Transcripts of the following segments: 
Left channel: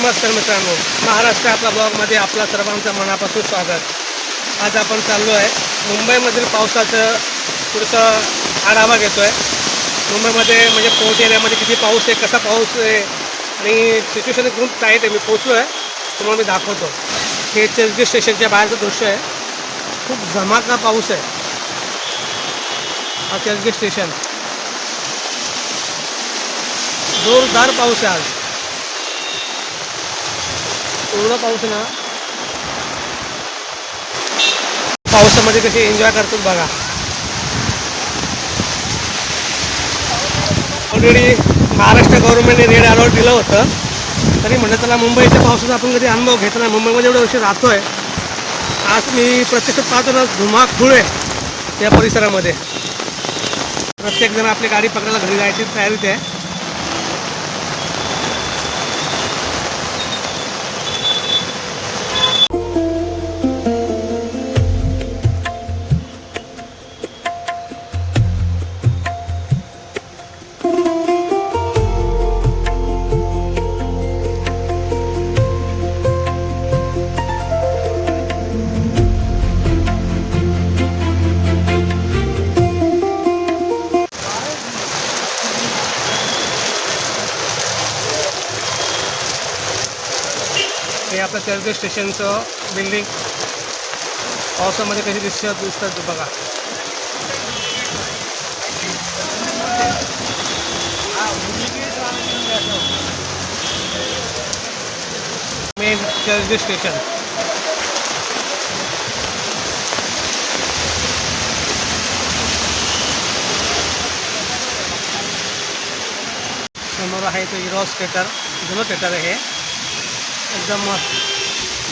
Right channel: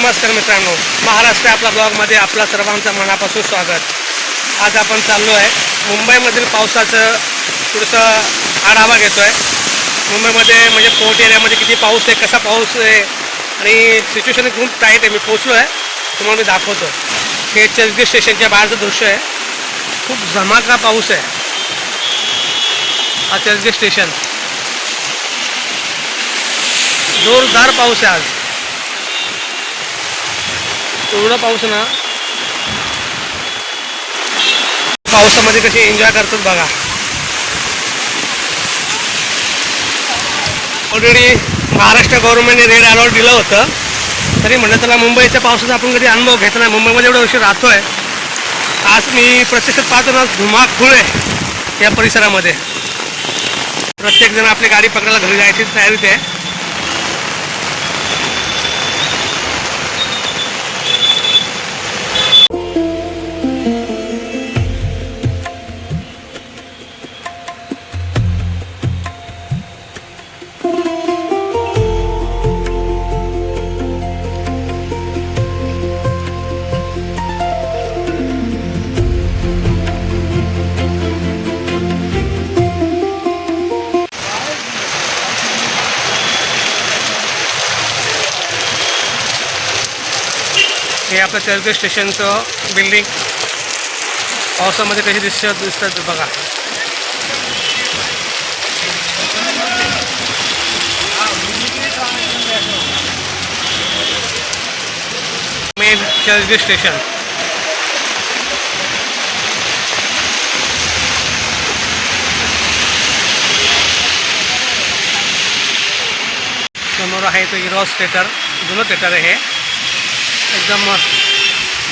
नमस्कार मित्रांनो, महाराष्ट्र आपला ब्लॉगमध्ये आपला सर्वांचं मनापासून स्वागत. आज आपण चाललो आहे मुंबईमधील पावसाचं थोडंसं आढावा घेतो आहे. मुंबईमध्ये म्हणजे पोर्ट एरियामध्ये किती पाऊस आहे, कसा पाऊस आहे आणि सिच्युएशन खूप टाईट आहे. मी पोचलो आहे, तुम्हाला मी दाखवतो. हे चर्चगेट स्टेशनच्या बाहेरचं दृश्य आहे. खूप धमाका पाऊस आहे. हा चर्चगेट स्टेशन, जोरदार पाऊस आहे. आज एवढा पाऊस ना, पावसामध्ये कसे एन्जॉय करतात बघा. ऑलरेडी महाराष्ट्र गव्हर्नमेंटने रेड अलर्ट दिलं होतं, तरी म्हणलं त्याला मुंबईच्या पावसाचा आपण कधी अनुभव घेतला नाही. मुंबईमध्ये एवढ्या वर्षी राहतोय. आज मी प्रत्यक्षात पाहतो ना, धुमाकूळ आहे या परिसरामध्ये. प्रत्येकजण आपली गाडी पकडायला घरी जायची तयारीत आहे. हे आपलं चर्चगेट स्टेशनचं बिल्डिंग पावसामध्ये कशी दिसतात बघा. Main Churchgate station. समोर आहे तो इरॉस थिएटर, जुनं थिएटर आहे. हे एकदम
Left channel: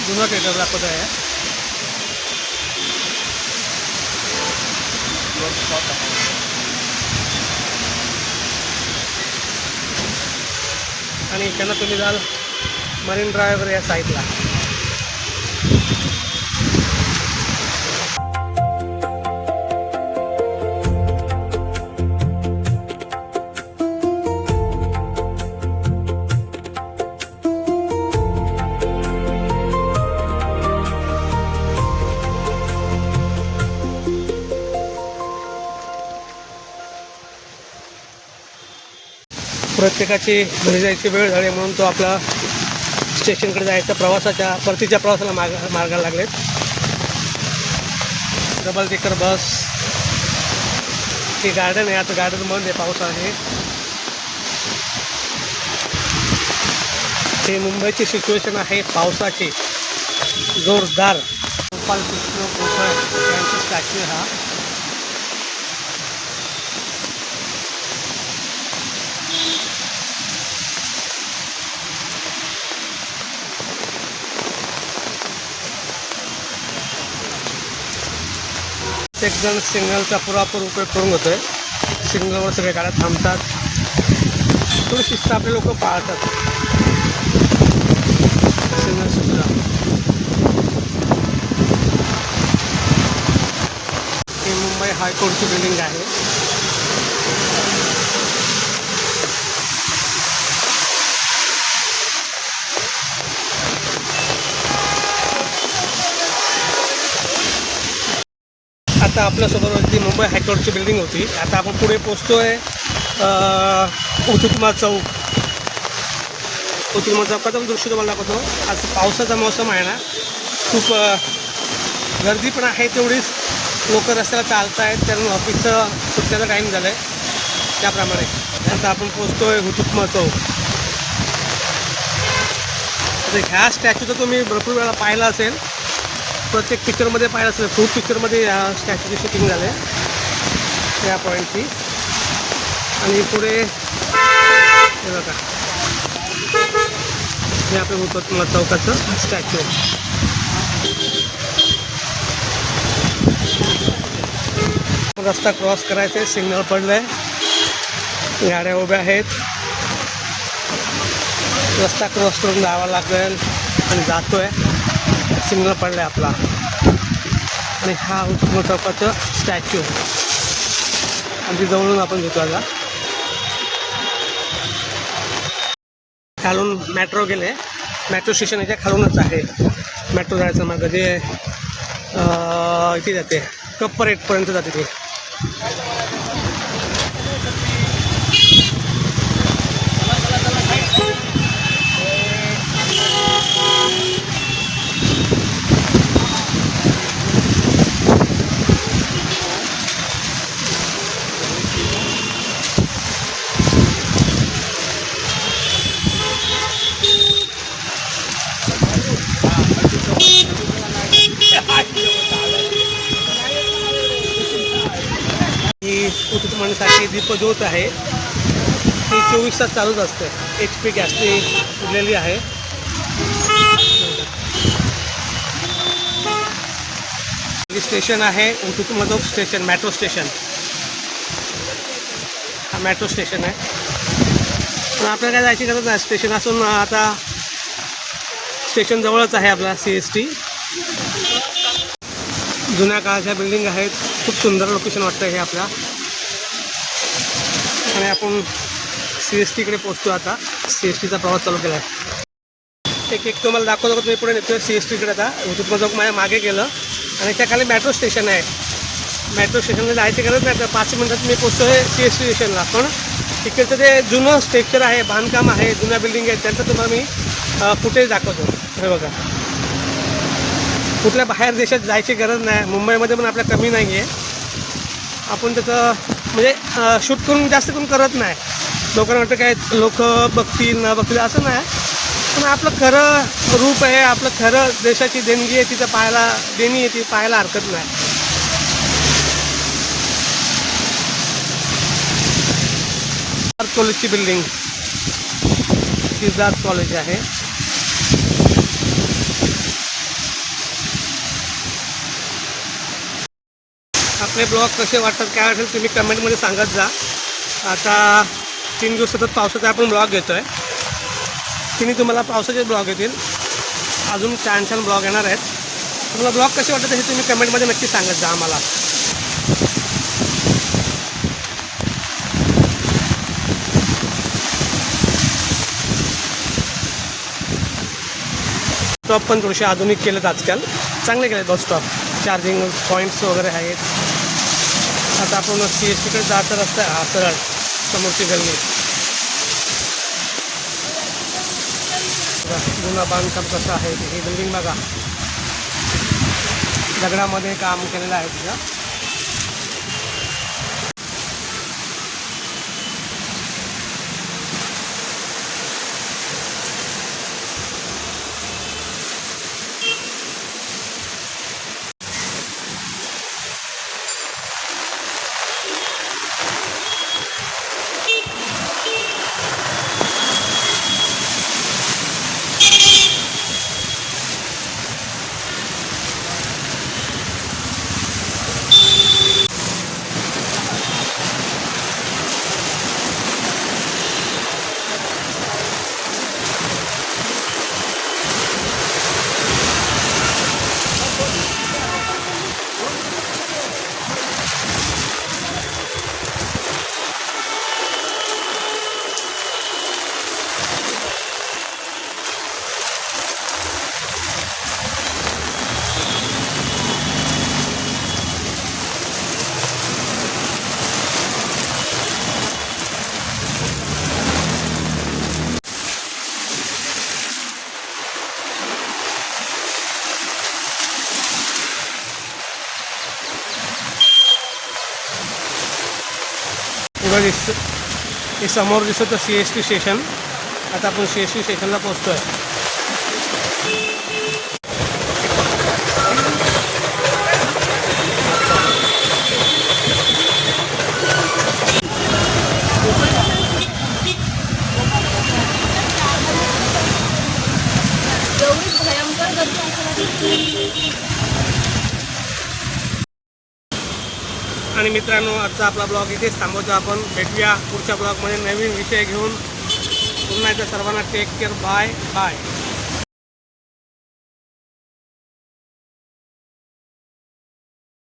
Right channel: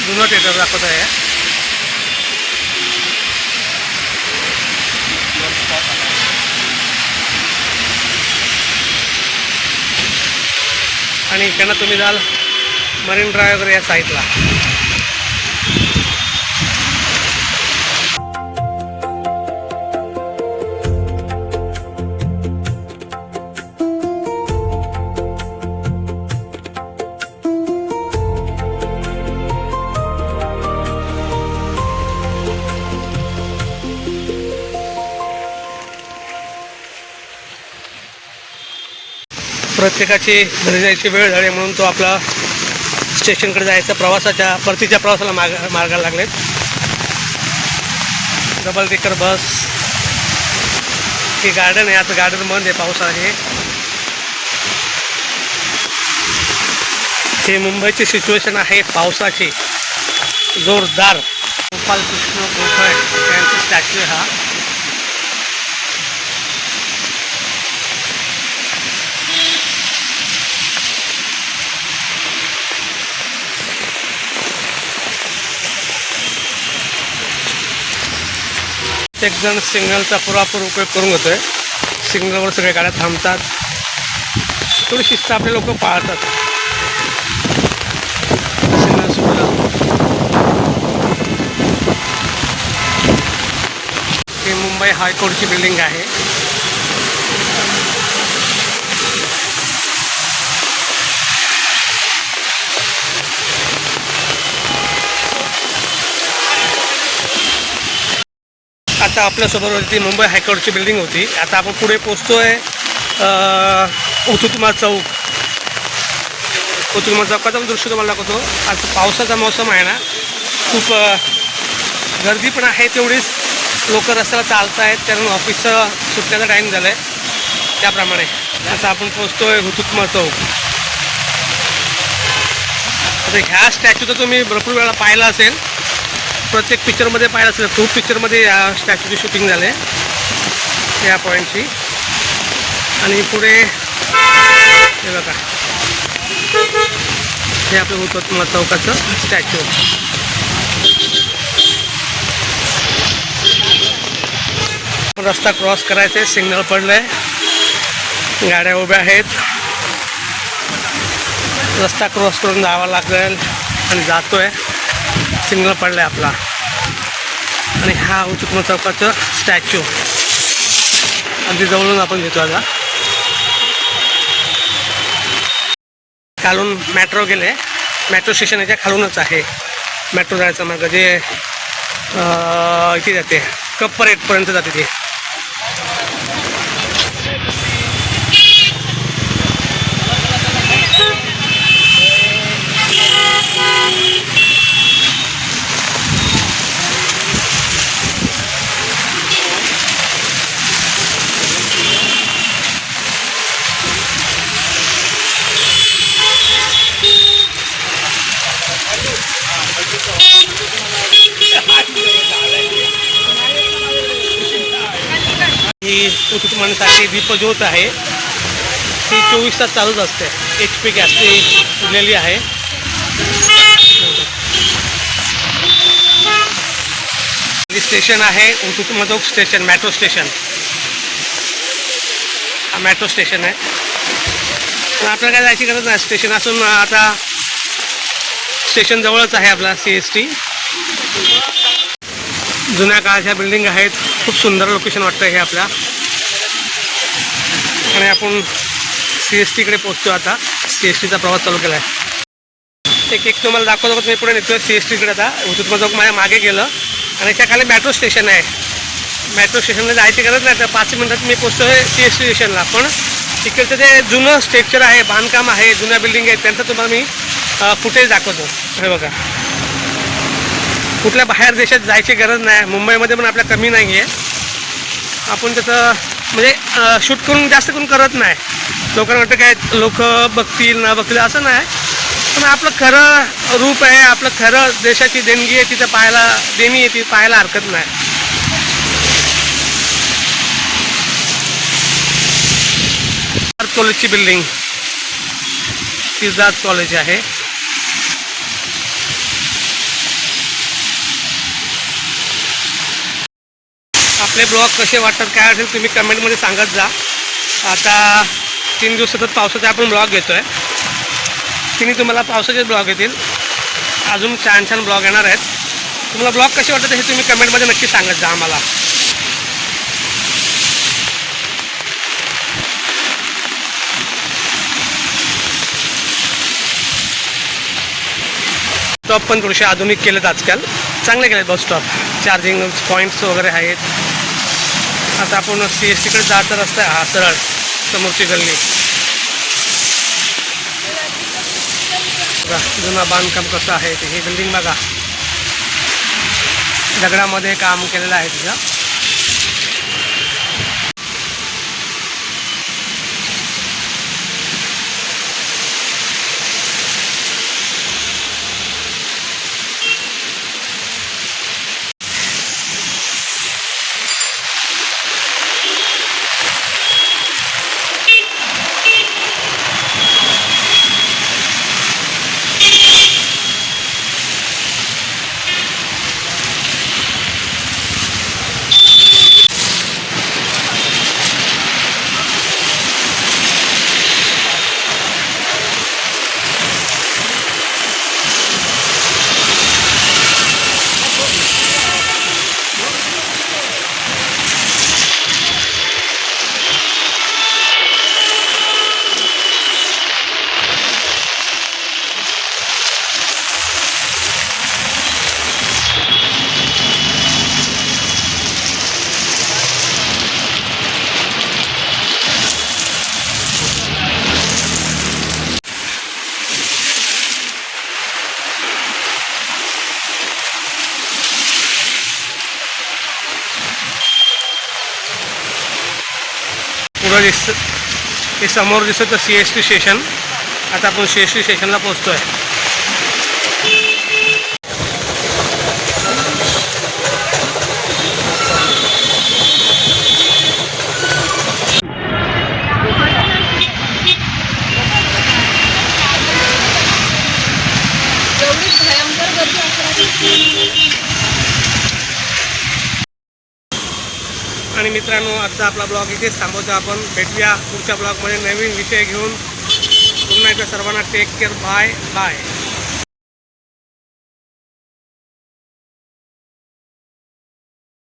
जुनं थिएटर दाखवत आहे. आणि इकडनं तुम्ही जाल मरीन ड्राईव्ह वगैरे या साईडला. प्रत्येकाची घरी जायची वेळ झाली म्हणून तो आपला स्टेशनकडे जायचा परतीच्या प्रवासाला मार्गाला लागलेत. Double decker bus. ही गार्डन आहे, आता गार्डन बंद आहे, पाऊस आहे. हे मुंबईची सिच्युएशन आहे पावसाची जोरदार. गोपालकृष्ण गोखळे यांचा स्टॅच्यू आहे हा. एक जण सिग्नलचा पुरेपूर उपयोग करून घेतोय. सिग्नलवर सगळ्या गाड्या थांबतात. थोडी शिस्त आपले लोक पाळतात. सिग्नल सुटलं. ही मुंबई हायकोर्टची बिल्डिंग आहे. आता आपल्यासोबत ती मुंबई हायकोर्टची बिल्डिंग होती. आता आपण पुढे पोचतोय हुतात्मा चौक. हुतात्मा चौकाचा दृश्य तुम्हाला दाखवतो. आज पावसाचा मौसम आहे ना, खूप गर्दी पण आहे. तेवढीच लोक रस्त्याला चालत आहेत, कारण ऑफिसचं सुटण्याचा टाईम झाला आहे. त्याप्रमाणे आता आपण पोचतोय हुतात्मा चौक. आता ह्या स्टॅच्यू तर तुम्ही भरपूर वेळा पाहिला असेल, प्रत्येक पिक्चरमध्ये पाहिलं असेल. खूप पिक्चरमध्ये या स्टॅच्यूची शूटिंग झाले या पॉईंटची. आणि पुढे हे बघा, हे आपलं हुतात्मा चौकाचं स्टॅच्यू. रस्ता क्रॉस करायचा आहे, सिग्नल पडलंय, गाड्या उभ्या आहेत. रस्ता क्रॉस करून जावा लागेल आणि जातोय. सिग्नल पडलाय आपला. आणि हा हुतात्मा चौकाचं स्टॅच्यू अगदी जवळून आपण घेतो. आता खालून मेट्रो गेले मेट्रो स्टेशन याच्या खालूनच आहे. मेट्रो जायचं मार्ग जे इथे जाते कप परेडपर्यंत जाते ते. ही उतुटमानसाठी दीपज्योत आहे, ती 24 तास चालूच असते. HP गॅसची उरलेली आहे. स्टेशन आहे उतुटमजोग स्टेशन, मेट्रो स्टेशन. हा मेट्रो स्टेशन आहे. पण आपल्याला काय जायची गरज नाही. स्टेशन असून आता स्टेशन जवळच आहे आपला CST. जुन्या काळाच्या बिल्डिंग आहेत. खूप सुंदर लोकेशन वाटतं हे आपल्या. आणि आपण CSTकडे पोहोचतो आता. CSTचा प्रवास चालू केला आहे. एक तुम्हाला दाखवतो. मी पुढे निघतो CSTकडे. आता उतुटमजोग माझ्या मागे गेलं आणि त्याखाली मेट्रो स्टेशन आहे. मेट्रो स्टेशनला जायची गरज नाही. तर 5 मिनिटात मी पोहोचतो आहे CST स्टेशनला. पण तिकडचं जे जुनं स्ट्रक्चर आहे, बांधकाम आहे, जुन्या बिल्डिंग आहेत, त्यांचं तुम्हाला मी फुटेज दाखवतो. हे बघा, कुठल्या बाहेर देशात जायची गरज नाही. मुंबईमध्ये पण आपल्या कमी नाही आहे. आपण त्याचं म्हणजे शूट करून जास्त करून करत नाही. लोकांना वाटतं काय लोक बघतील न बघतील असं नाही. पण आपलं खरं रूप आहे, आपलं खरं देशाची देणगी आहे, तिथं देणी आहे, ती पाहायला हरकत नाही. कॉलेजची बिल्डिंग सिद्धार्थ कॉलेज आहे. आपले ब्लॉग कसे वाटतात काय असेल तुम्ही कमेंटमध्ये सांगत जा. आता 3 दिवस सतत पावसाचे आपण ब्लॉग घेतो आहे. तिन्ही तुम्हाला पावसाचेच ब्लॉग येतील. अजून छान छान ब्लॉग येणार आहेत. तुम्हाला ब्लॉग कसे वाटतात हे तुम्ही कमेंटमध्ये नक्की सांगत जा आम्हाला. स्टॉप पण थोडेसे आधुनिक केलेत आजकाल. चांगले केलेत बस स्टॉप. चार्जिंग पॉईंट्स वगैरे आहेत. आता आपण CSTकडे जायचा रस्ता आहे हा सरळ समोरची गल्ली. बघा जुनं बांधकाम कसं आहे ते. ही बिल्डिंग बघा दगडामध्ये काम केलेलं आहे तिचं. पुढं हे समोर दिसतं CST स्टेशन. आता आपण CST स्टेशनला पोहोचतो आहे. आणि मित्रांनो आजचा आपला ब्लॉग इथेच थांबवतो आपण. भेटूया पुढच्या ब्लॉगमध्ये नवीन विषय घेऊन. पुन्हा एकदा सर्वांना टेक केअर. Bye bye.